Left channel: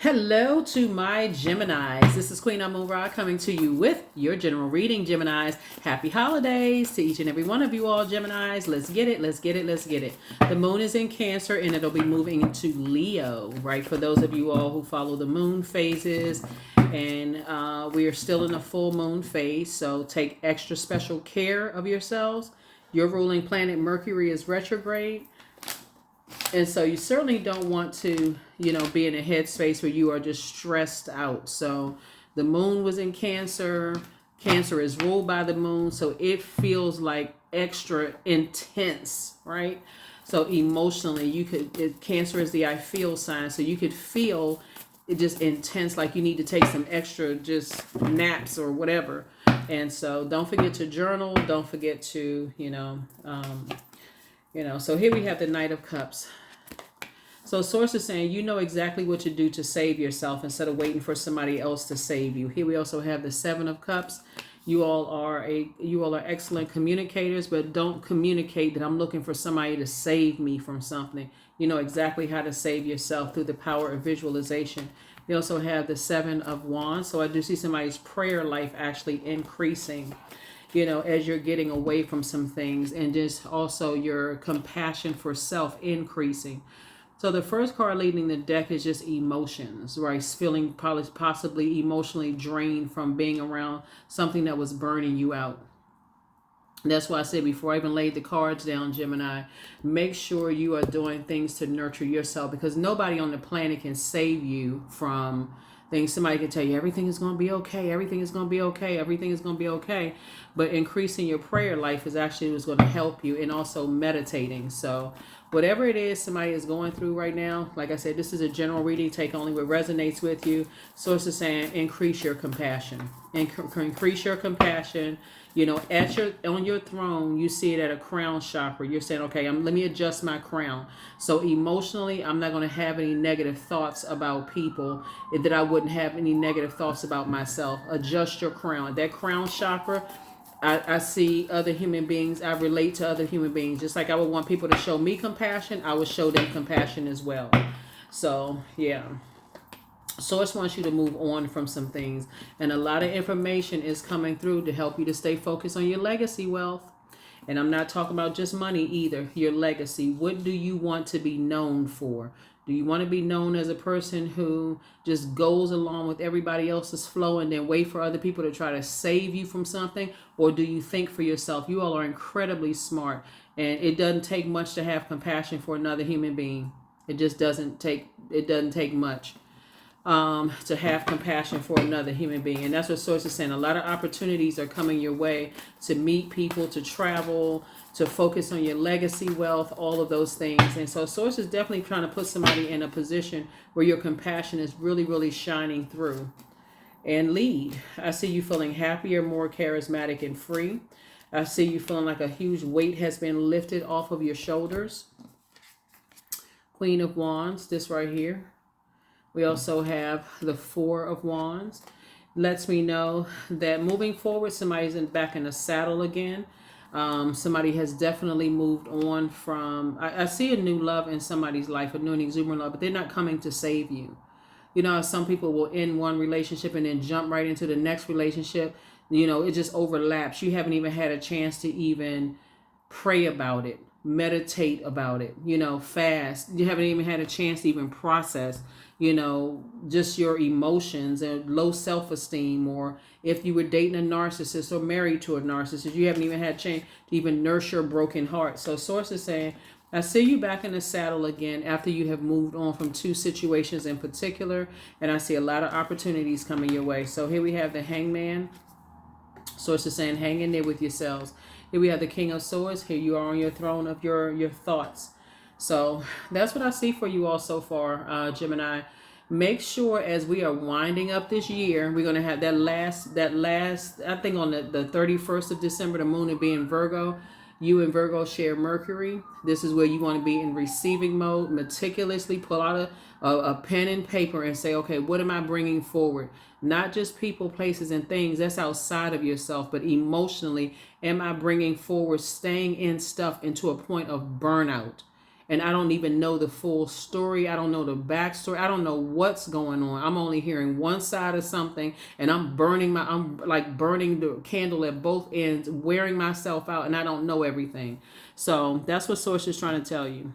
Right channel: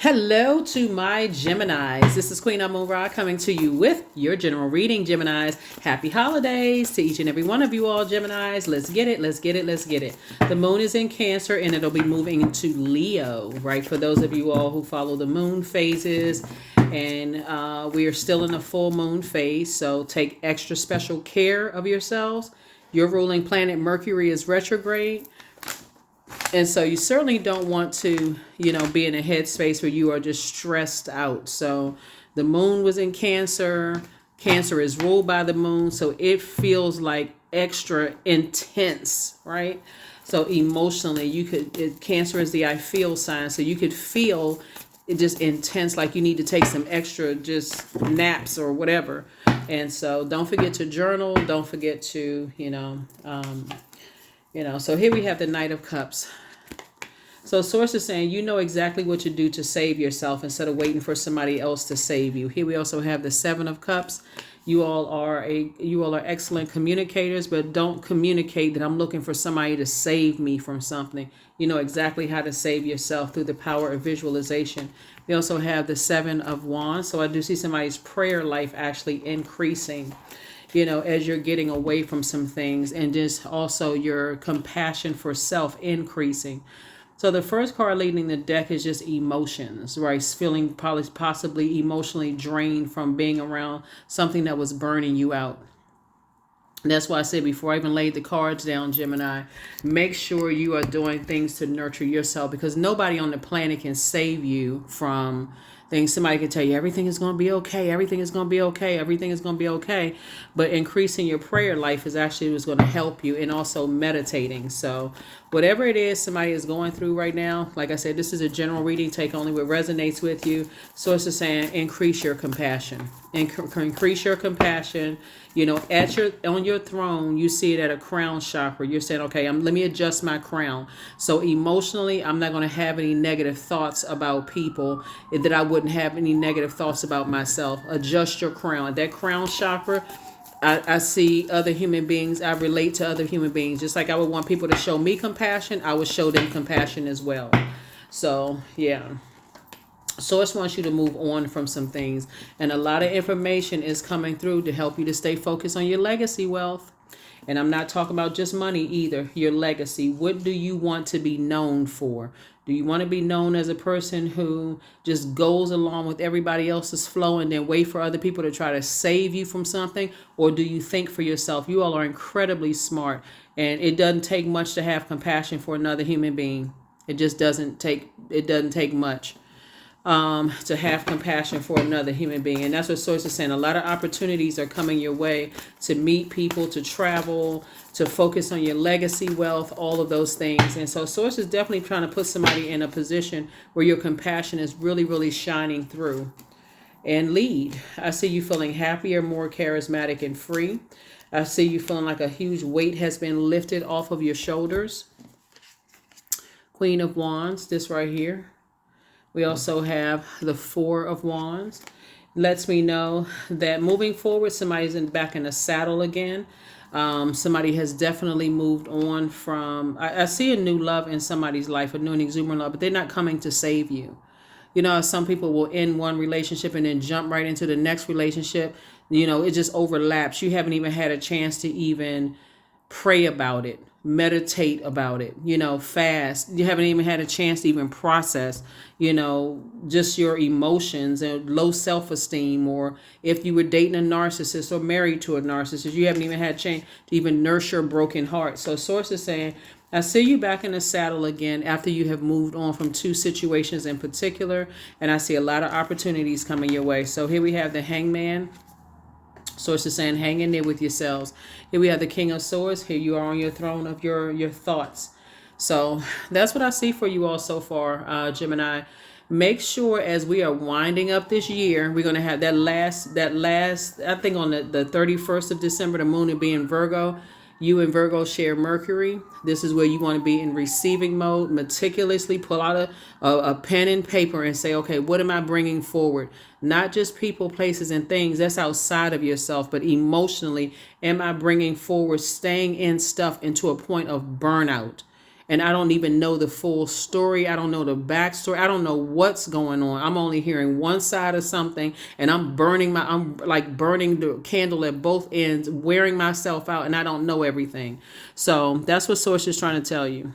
Hello to my Geminis. This is Queen Amun Ra coming to you with your general reading, Geminis. Happy holidays to each and every one of you all, Geminis. Let's get it, let's get it, let's get it. The moon is in Cancer and it'll be moving into Leo, right? For those of you all who follow the moon phases, and we are still in a full moon phase, so take extra special care of yourselves. Your ruling planet Mercury is retrograde. And so you certainly don't want to, be in a headspace where you are just stressed out. So the moon was in Cancer. Cancer is ruled by the moon. So it feels like extra intense, right? So emotionally, Cancer is the I feel sign. So you could feel it just intense, like you need to take some extra just naps or whatever. And so don't forget to journal. Don't forget to, so here we have the Knight of Cups. So source is saying you know exactly what to do to save yourself instead of waiting for somebody else to save you. Here we also have the Seven of Cups. You all are excellent communicators, but don't communicate that I'm looking for somebody to save me from something. You know exactly how to save yourself through the power of visualization. We also have the Seven of Wands. So I do see somebody's prayer life actually increasing, as you're getting away from some things, and just also your compassion for self increasing. So the first card leading the deck is just emotions, right? Feeling possibly emotionally drained from being around something that was burning you out. That's why I said before I even laid the cards down, Gemini, make sure you are doing things to nurture yourself, because nobody on the planet can save you from things. Somebody can tell you everything is going to be okay, everything is going to be okay, everything is going to be okay. But increasing your prayer life is actually what's going to help you, and also meditating. So whatever it is somebody is going through right now, like I said, this is a general reading. Take only what resonates with you. Source is saying increase your compassion. Increase your compassion. On your throne, you see it at a crown chakra. You're saying, okay, let me adjust my crown. So emotionally, I'm not going to have any negative thoughts about people, that I wouldn't have any negative thoughts about myself. Adjust your crown. That crown chakra, I see other human beings. I relate to other human beings. Just like I would want people to show me compassion, I would show them compassion as well. So, yeah. Source wants you to move on from some things, and a lot of information is coming through to help you to stay focused on your legacy wealth. And I'm not talking about just money either. Your legacy. What do you want to be known for? Do you want to be known as a person who just goes along with everybody else's flow and then wait for other people to try to save you from something? Or do you think for yourself? You all are incredibly smart, and it doesn't take much to have compassion for another human being. It doesn't take much to have compassion for another human being. And that's what Source is saying. A lot of opportunities are coming your way to meet people, to travel, to focus on your legacy wealth, all of those things. And so Source is definitely trying to put somebody in a position where your compassion is really, really shining through. And lead. I see you feeling happier, more charismatic, and free. I see you feeling like a huge weight has been lifted off of your shoulders. Queen of Wands, this right here. We also have the Four of Wands. Lets me know that moving forward, somebody's back in the saddle again. Somebody has definitely moved on from. I see a new love in somebody's life, a new and exuberant love, but they're not coming to save you. Some people will end one relationship and then jump right into the next relationship. It just overlaps. You haven't even had a chance to even pray about it, meditate about it, fast. You haven't even had a chance to even process, just your emotions and low self-esteem, or if you were dating a narcissist or married to a narcissist, you haven't even had a chance to even nurse your broken heart. So Source is saying, I see you back in the saddle again after you have moved on from two situations in particular, and I see a lot of opportunities coming your way. So here we have the Hangman. Source is saying, hang in there with yourselves. Here we have the King of Swords. Here you are on your throne of your thoughts. So that's what I see for you all so far, Gemini. Make sure as we are winding up this year, we're going to have that last, I think on the 31st of December, the moon will be in Virgo. You and Virgo share Mercury. This is where you want to be in receiving mode. Meticulously pull out a pen and paper and say, okay, what am I bringing forward? Not just people, places, and things. That's outside of yourself. But emotionally, am I bringing forward staying in stuff into a point of burnout? and I don't even know the full story. I don't know the backstory. I don't know what's going on. I'm only hearing one side of something, and I'm like burning the candle at both ends, wearing myself out, and I don't know everything. So that's what Source is trying to tell you.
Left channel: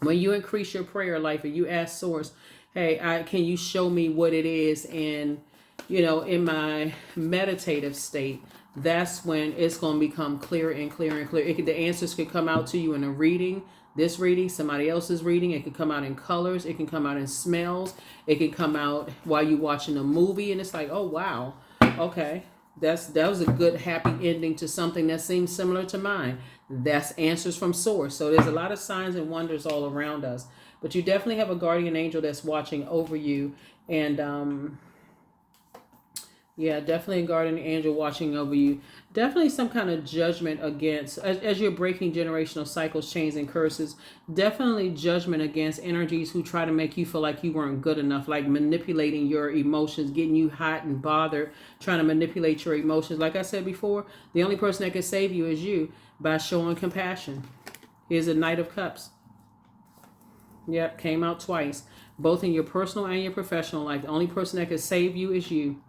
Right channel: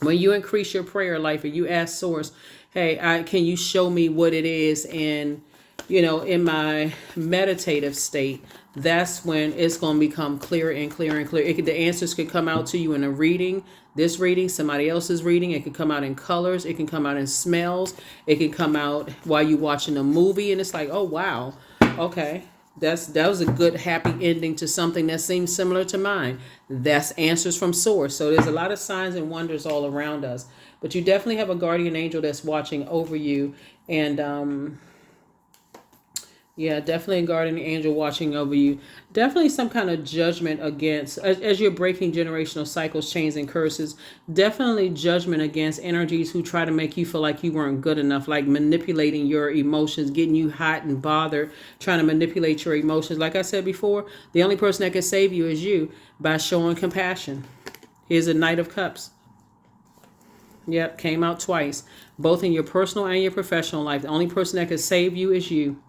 When you increase your prayer life and you ask Source, hey, can you show me what it is? And, in my meditative state, that's when it's going to become clearer and clearer and clearer. The answers could come out to you in a reading, this reading, somebody else's reading. It could come out in colors. It can come out in smells. It can come out while you're watching a movie. And it's like, oh, wow. Okay. That was a good happy ending to something that seems similar to mine. That's answers from Source. So there's a lot of signs and wonders all around us. But you definitely have a guardian angel that's watching over you. And yeah, definitely a guardian angel watching over you. Definitely some kind of judgment against, as you're breaking generational cycles, chains, and curses, definitely judgment against energies who try to make you feel like you weren't good enough, like manipulating your emotions, getting you hot and bothered, trying to manipulate your emotions. Like I said before, the only person that can save you is you by showing compassion. Here's a Knight of Cups. Yep, came out twice, both in your personal and your professional life. The only person that can save you is you.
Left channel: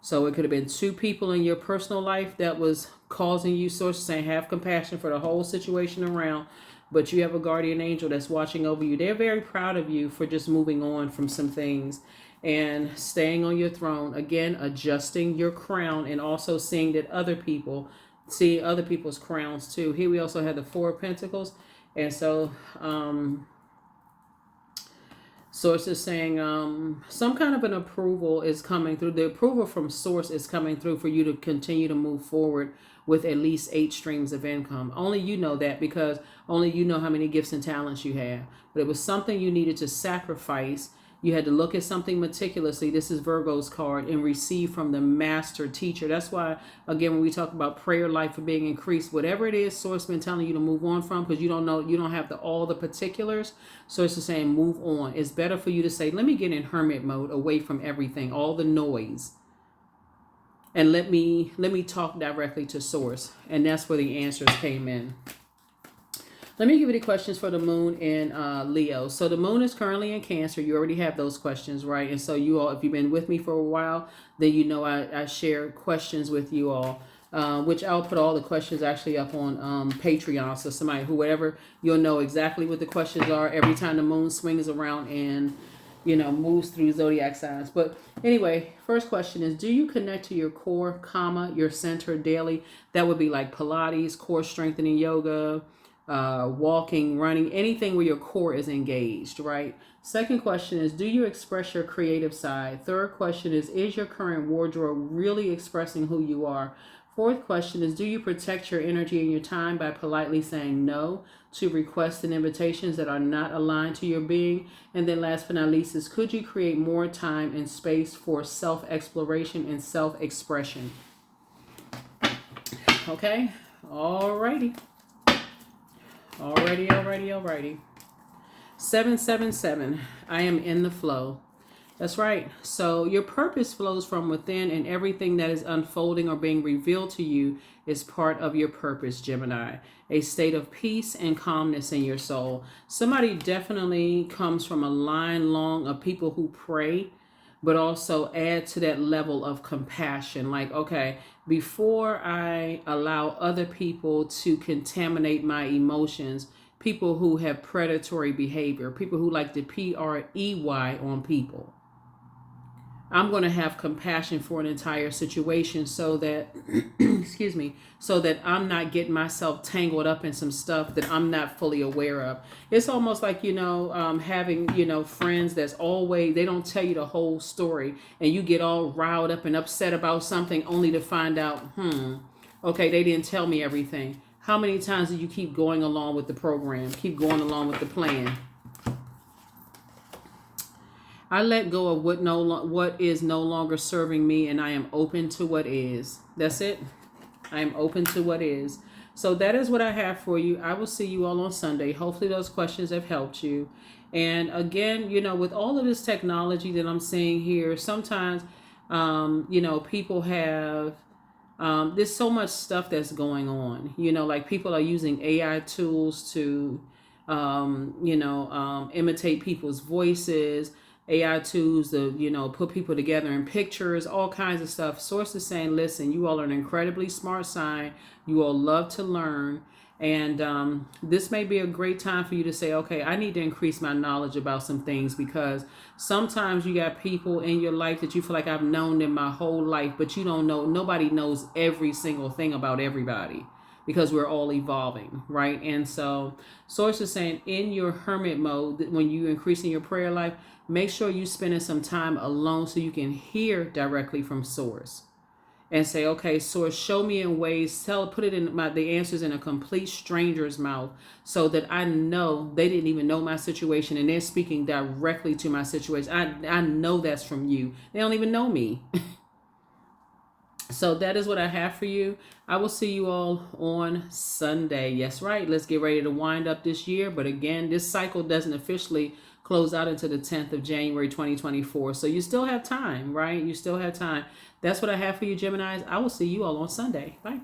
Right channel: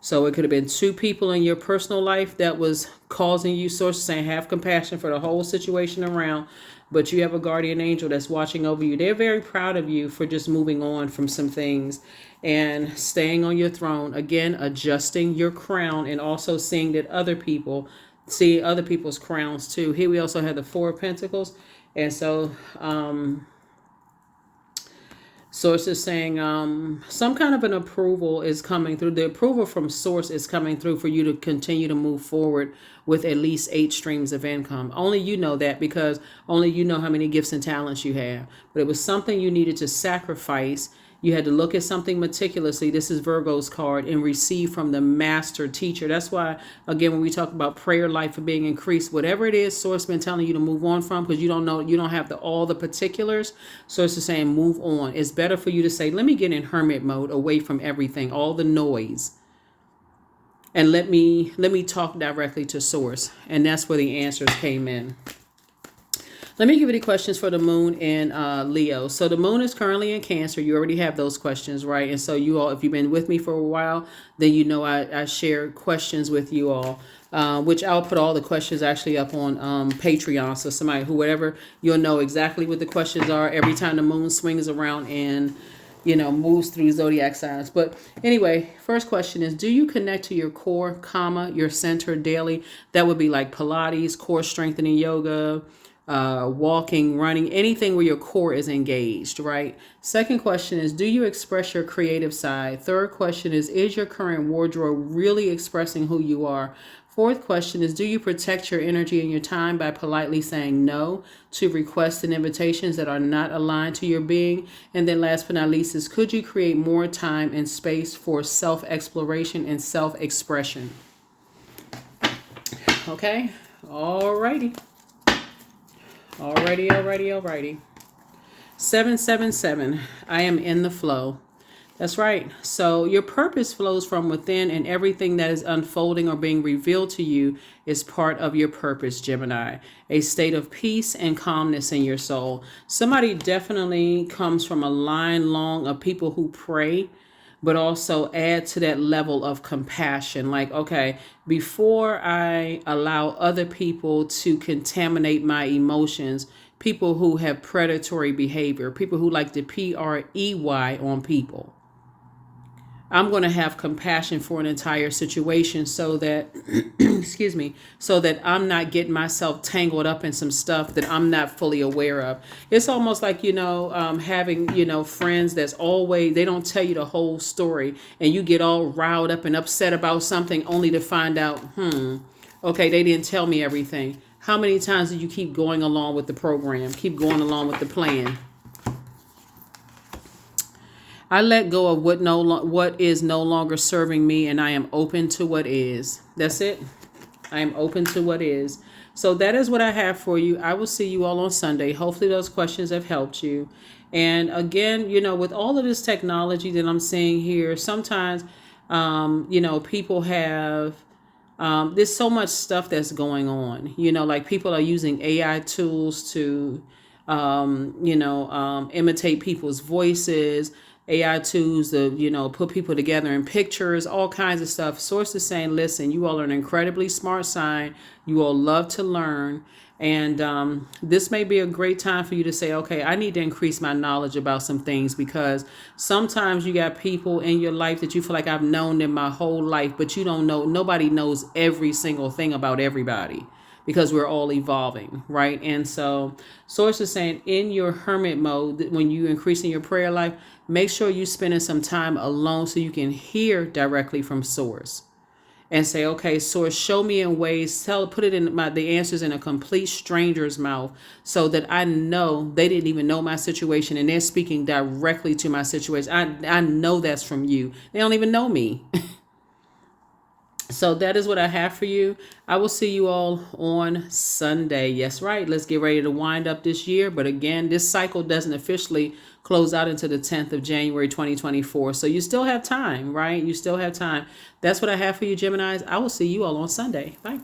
So it could have been two people in your personal life that was causing you, Source saying, have compassion for the whole situation around, but you have a guardian angel that's watching over you. They're very proud of you for just moving on from some things and staying on your throne. Again, adjusting your crown and also seeing that other people see other people's crowns too. Here we also have the Four of Pentacles. And so, Source is saying some kind of an approval is coming through. The approval from Source is coming through for you to continue to move forward with at least 8 streams of income. Only you know that, because only you know how many gifts and talents you have. But it was something you needed to sacrifice. You had to look at something meticulously. This is Virgo's card, and receive from the master teacher. That's why, again, when we talk about prayer life being increased, whatever it is Source been telling you to move on from, because you don't know, you don't have all the particulars. Source is saying move on. It's better for you to say, let me get in hermit mode, away from everything, all the noise, and let me talk directly to Source. And that's where the answers came in. Let me give you the questions for the moon in Leo. So the moon is currently in Cancer. You already have those questions, right? And so you all, if you've been with me for a while, then you know I share questions with you all, which I'll put all the questions actually up on Patreon. So somebody, whoever, you'll know exactly what the questions are every time the moon swings around and, moves through zodiac signs. But anyway, first question is, do you connect to your core, your center daily? That would be like Pilates, core strengthening yoga, walking, running, anything where your core is engaged, right? Second question is, do you express your creative side? Third question is your current wardrobe really expressing who you are? Fourth question is, do you protect your energy and your time by politely saying no to requests and invitations that are not aligned to your being? And then last but not least is, could you create more time and space for self-exploration and self-expression? Okay, alrighty. Alrighty. 777. I am in the flow. That's right. So your purpose flows from within, and everything that is unfolding or being revealed to you is part of your purpose, Gemini. A state of peace and calmness in your soul. Somebody definitely comes from a line long of people who pray, but also add to that level of compassion. Like, okay, before I allow other people to contaminate my emotions, people who have predatory behavior, people who like to PREY on people, I'm going to have compassion for an entire situation so that, excuse me, so that I'm not getting myself tangled up in some stuff that I'm not fully aware of. It's almost like, having, friends that's always, they don't tell you the whole story, and you get all riled up and upset about something only to find out, okay, they didn't tell me everything. How many times do you keep going along with the program, keep going along with the plan? I let go of what is no longer serving me, and I am open to what is. That's it. I am open to what is. So that is what I have for you. I will see you all on Sunday. Hopefully those questions have helped you. And again, with all of this technology that I'm seeing here, sometimes, people have, there's so much stuff that's going on. Like people are using AI tools to imitate people's voices, AI tools to, put people together in pictures, all kinds of stuff. Source is saying, listen, you all are an incredibly smart sign. You all love to learn. And this may be a great time for you to say, okay, I need to increase my knowledge about some things, because sometimes you got people in your life that you feel like I've known them my whole life, but you don't know, nobody knows every single thing about everybody, because we're all evolving, right? And so Source is saying, in your hermit mode, when you increasing your prayer life, make sure you spending some time alone so you can hear directly from Source and say, okay, Source, show me in ways, put it in the answers in a complete stranger's mouth, so that I know they didn't even know my situation and they're speaking directly to my situation. I know that's from you. They don't even know me. So that is what I have for you. I will see you all on Sunday. Yes, right. Let's get ready to wind up this year. But again, this cycle doesn't officially close out until the 10th of January, 2024. So you still have time, right? You still have time. That's what I have for you, Geminis. I will see you all on Sunday. Bye.